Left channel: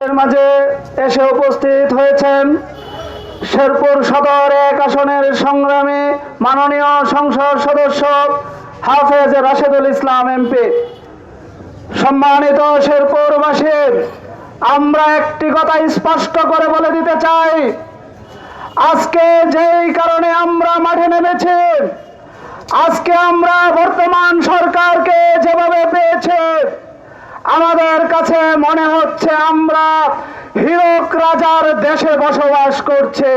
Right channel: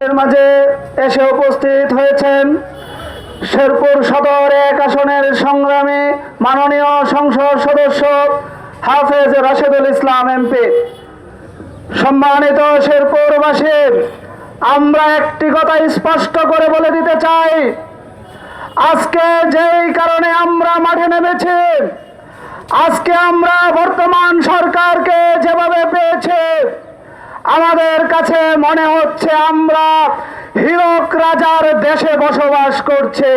এর মাঝে এসে উপস্থিত হয়েছেন শেরপুর সদর ১ আসনের সংগ্রামী মাননীয় সংসদ সদস্য হাফেজ রাশেদুল ইসলাম এমপি। সম্মানিত শেরপুরবাসী, আমরা একটি কথা স্পষ্ট করে বলে দিতে চাই, আজকে যেই কারণে আমরা মাঠে নেমেছি, আজকে আমরা বর্তমান সরকারকে যেভাবে পেয়েছি, আমাদের কাছে মনে হচ্ছে আমরা হীরক রাজার দেশে বসবাস করছে।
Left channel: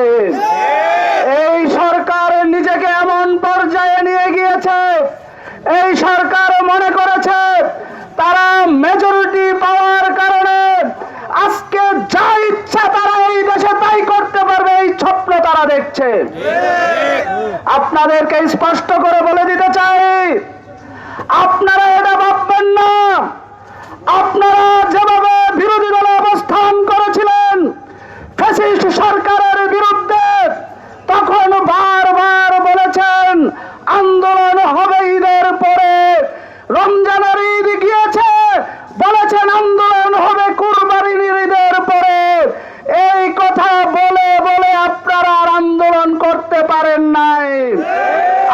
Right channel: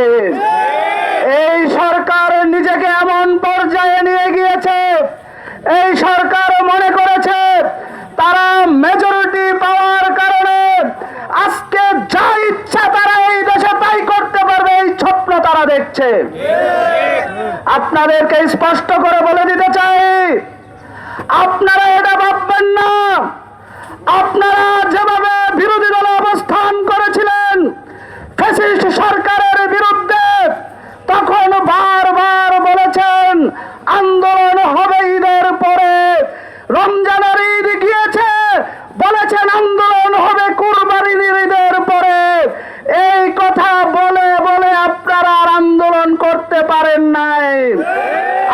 এই সরকার নিজেকে এমন পর্যায়ে নিয়ে গিয়েছে, এই সরকার মনে করেছে তারা মেজরিটি পাওয়ার কারণে আজকে যা ইচ্ছা তারা এই দেশে তাই করতে পারবে, এই স্বপ্ন তারা দেখছে। আপনাদেরকে স্পষ্ট করে বলে দিতে চাই, আপনারা এটা ভাববেন না আপনারা যেভাবে বিরোধী দলে অবস্থান করেছিলেন ফ্যাসিস্ট সরকারের বিরুদ্ধে, তখন বারবার বলেছেন আন্দোলন হবে ঈদের পরে, রমজানের ঈদ গিয়েছে বলেছেন আন্দোলন হবে কুরবানির ঈদের পরে। এই কথা বলে বলে আপনারা আর আন্দোলন করতে পারেন নাই।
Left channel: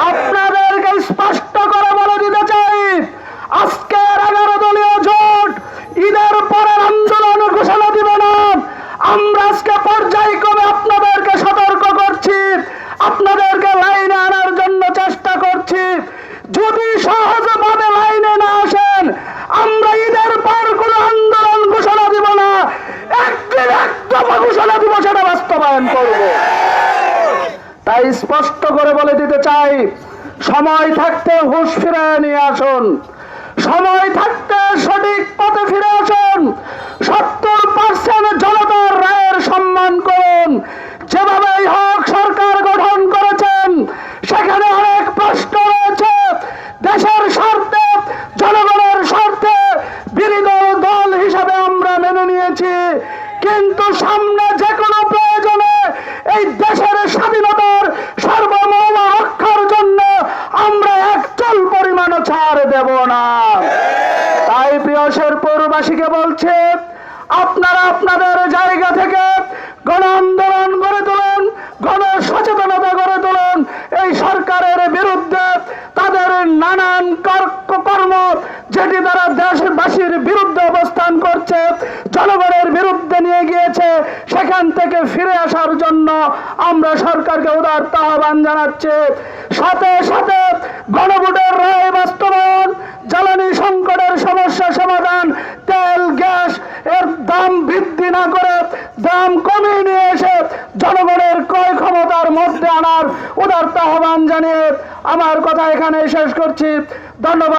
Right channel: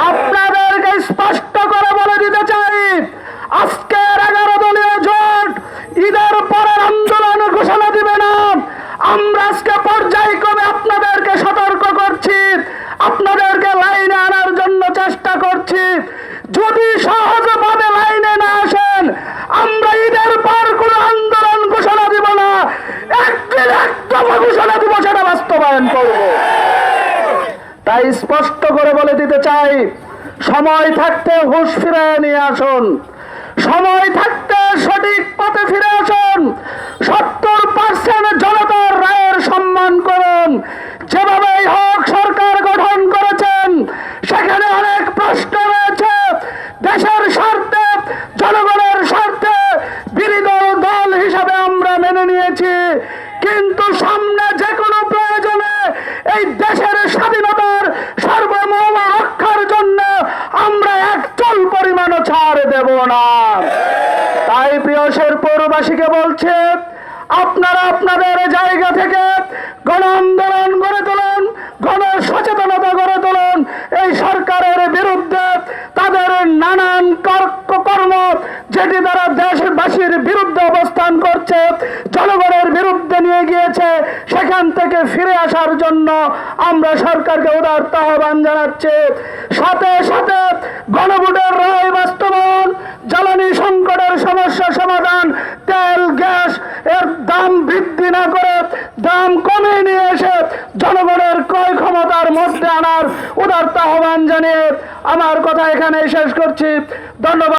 আপনাদেরকে স্পষ্ট করে বলে দিতে চাই, আজকের 11 দলীয় জোট ঈদের পরের আন্দোলন ঘোষণা দিবে না। আমরা আজকে পর্যায়ক্রমে আপনাদেরকে সতর্ক করছি, আপনাদেরকে লাইনে আনার জন্য চেষ্টা করছি। যদি সহজভাবে লাইনে না আসেন, আমরা ঈদের পর কোন আন্দোলন ঘোষণা দিব না, একদিন একটা ঘোষণা দিব, সেটা বাস্তবায়ন করব। তাই স্পষ্ট করে বলে দিতে চাই, সময় থাকতে হুঁশ ফিরে নিয়ে আসুন, সময় থাকতে সঠিক পথে ফিরে আসুন। 70% জনতার রায়ের সম্মান করুন। যেভাবেই হোক সরকার গঠন করেছেন, সেখানে অনেক প্রশ্ন রয়েছে। দেশের স্বার্থে, জনগণের স্বার্থে বিরোধী দল হিসাবে আমরা মেনে নিয়েছি, কিন্তু সামনে যে কোনো প্রয়োজনে এই দেশের স্বাধীনতার সার্বভৌম রক্ষার জন্য আমরা একচল পরিমাণও ছাড় দেব না। তাই প্রিয় শেরপুরবাসীকে বলছে, আপনারা আপনাদের জায়গা থেকে গণ আন্দোলন গড়ে তুলুন, গণ সচেতনতা গড়ে তুলুন। এই সরকারের বিরুদ্ধে তাদের নানান কর্ম, যেটি তারা দেশবাসীর বিরুদ্ধে অবস্থান করছে, জনগণের বিরুদ্ধে নিয়ে গিয়েছে, সেখান থেকে ফিরে আসার জন্য আমরা সরকারকে উদারত আহ্বান জানাচ্ছি। সাথে সাথে গণভোটের রায় বাস্তবায়ন, জ্বালানি সংকটের সমস্যা সমাধান, তেল গ্যাস এর দাম বৃদ্ধি না করে দাম কমিয়ে নিয়ে এসে জনগণের ক্রয় ক্ষমতার মধ্যে আনার উদারত আহ্বান জানিয়ে আমার কথা এখানে শেষ করছি। ধন্যবাদ।